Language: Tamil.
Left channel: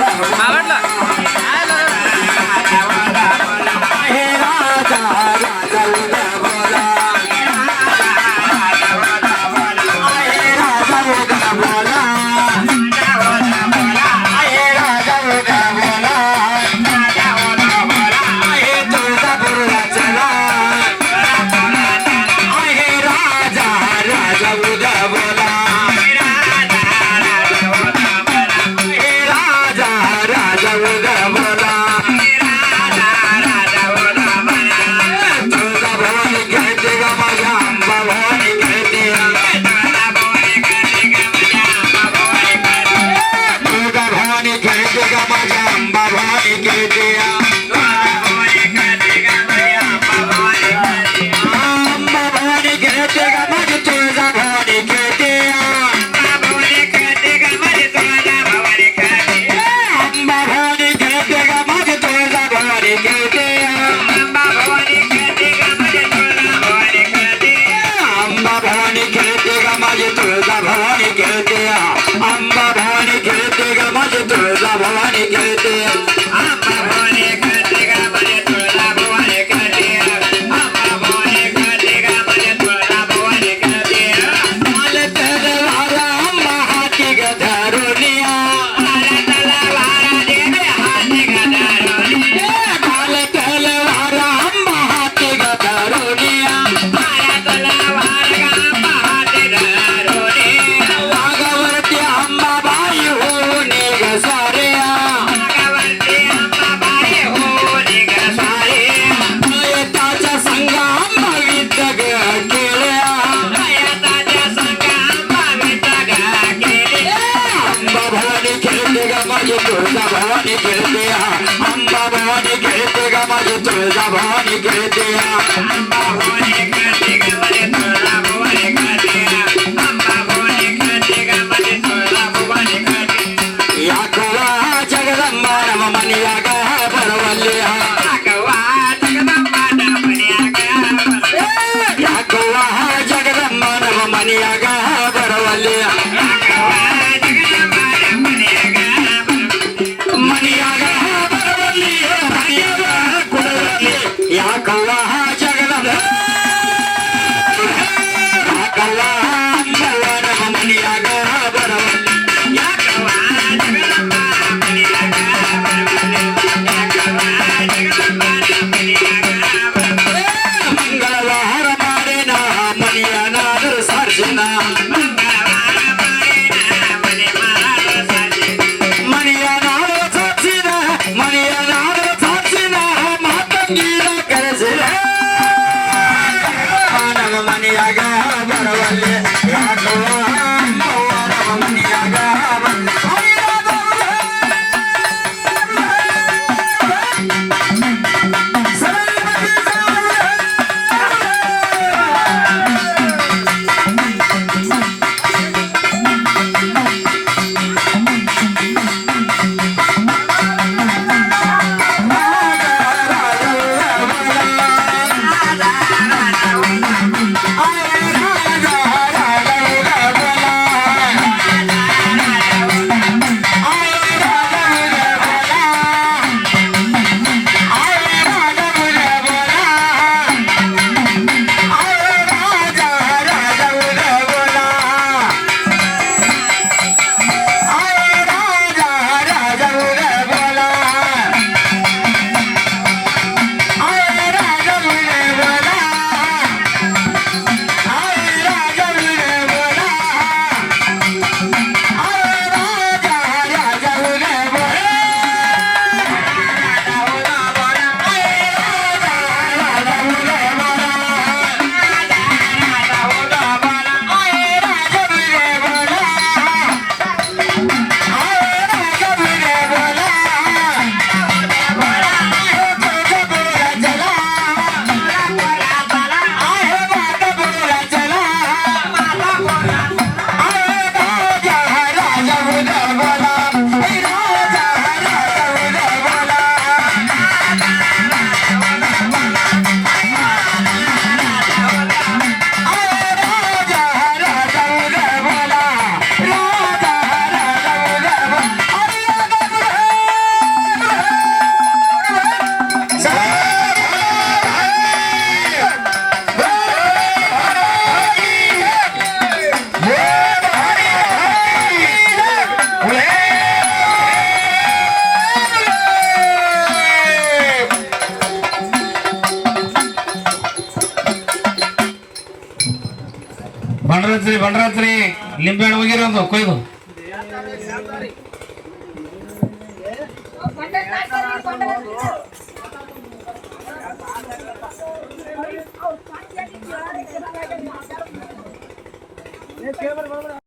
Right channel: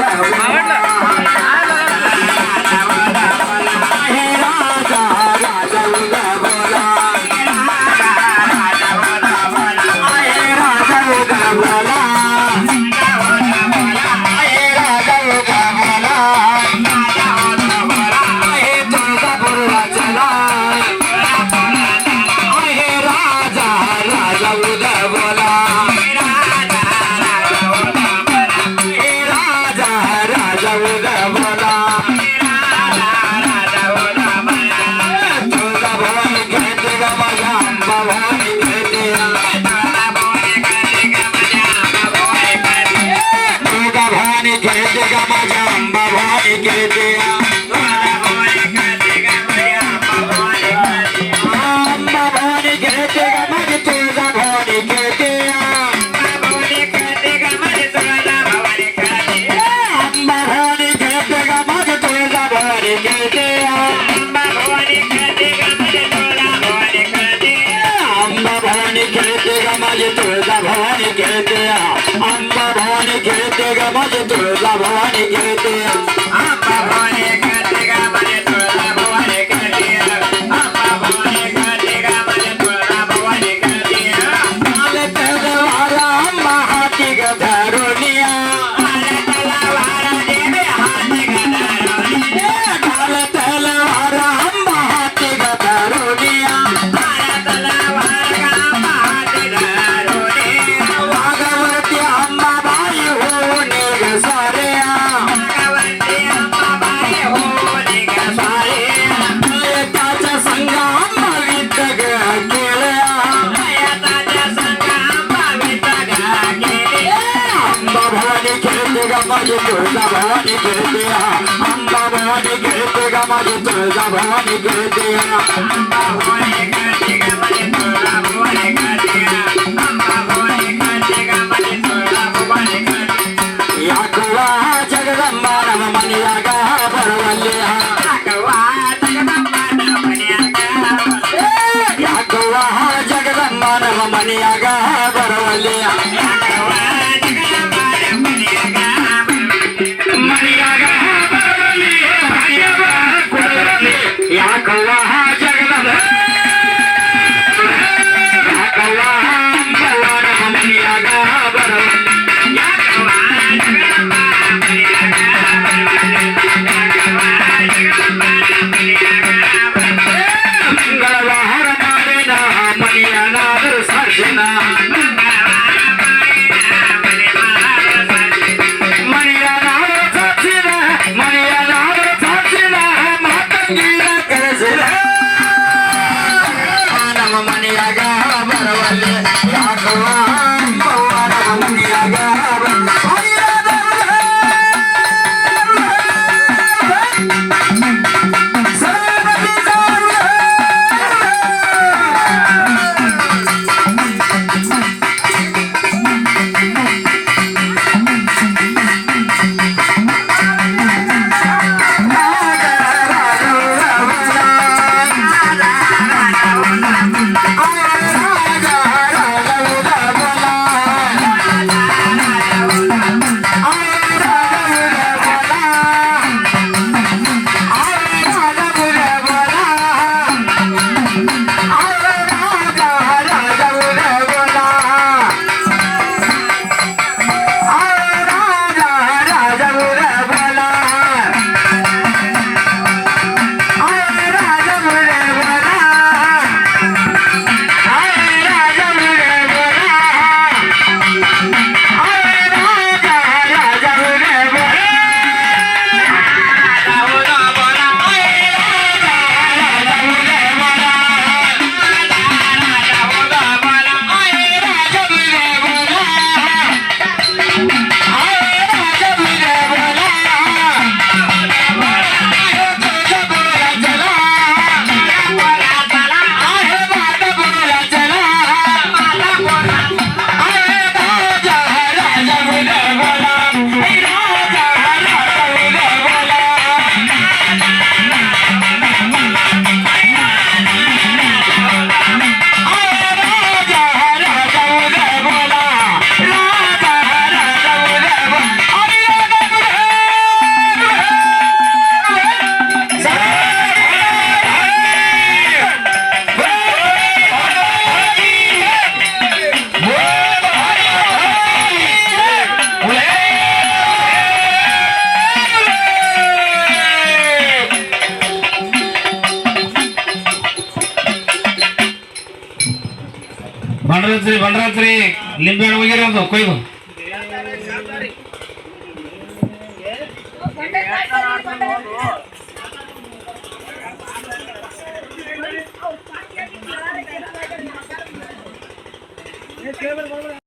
மகன்ல भवानी कहते भवानी कहते भवानी कहते हैं பவானி கெழுத்துகமயி துர்தவானி கெழுத்தியா அம்பவானி கெழுத்துகமயி துர்தவானி கெழுத்தியா அம்பவானி கெழுத்துகமயி துர்தவானி கெழுத்தியா அம்பவானி கெழுத்துகமயி துர்தவானி கெழுத்தியா யாக்குவா ஜெகதம்பா நம மணியாக பரவல்லியா யாக்குவா ஜெகதம்பா நம மணியாக யாக்குவா ஜெகதம்பா நம மணியாக Thank you. ಬಂಡ್ರತ್ರಿ ಬಂಡ್ರತ್ರಿ. ಲಿಂಬೆ ಹಣ್ಣು ಹೋಗಿರೋದು ಕೊಯ್ದು ಕೇಬಲ್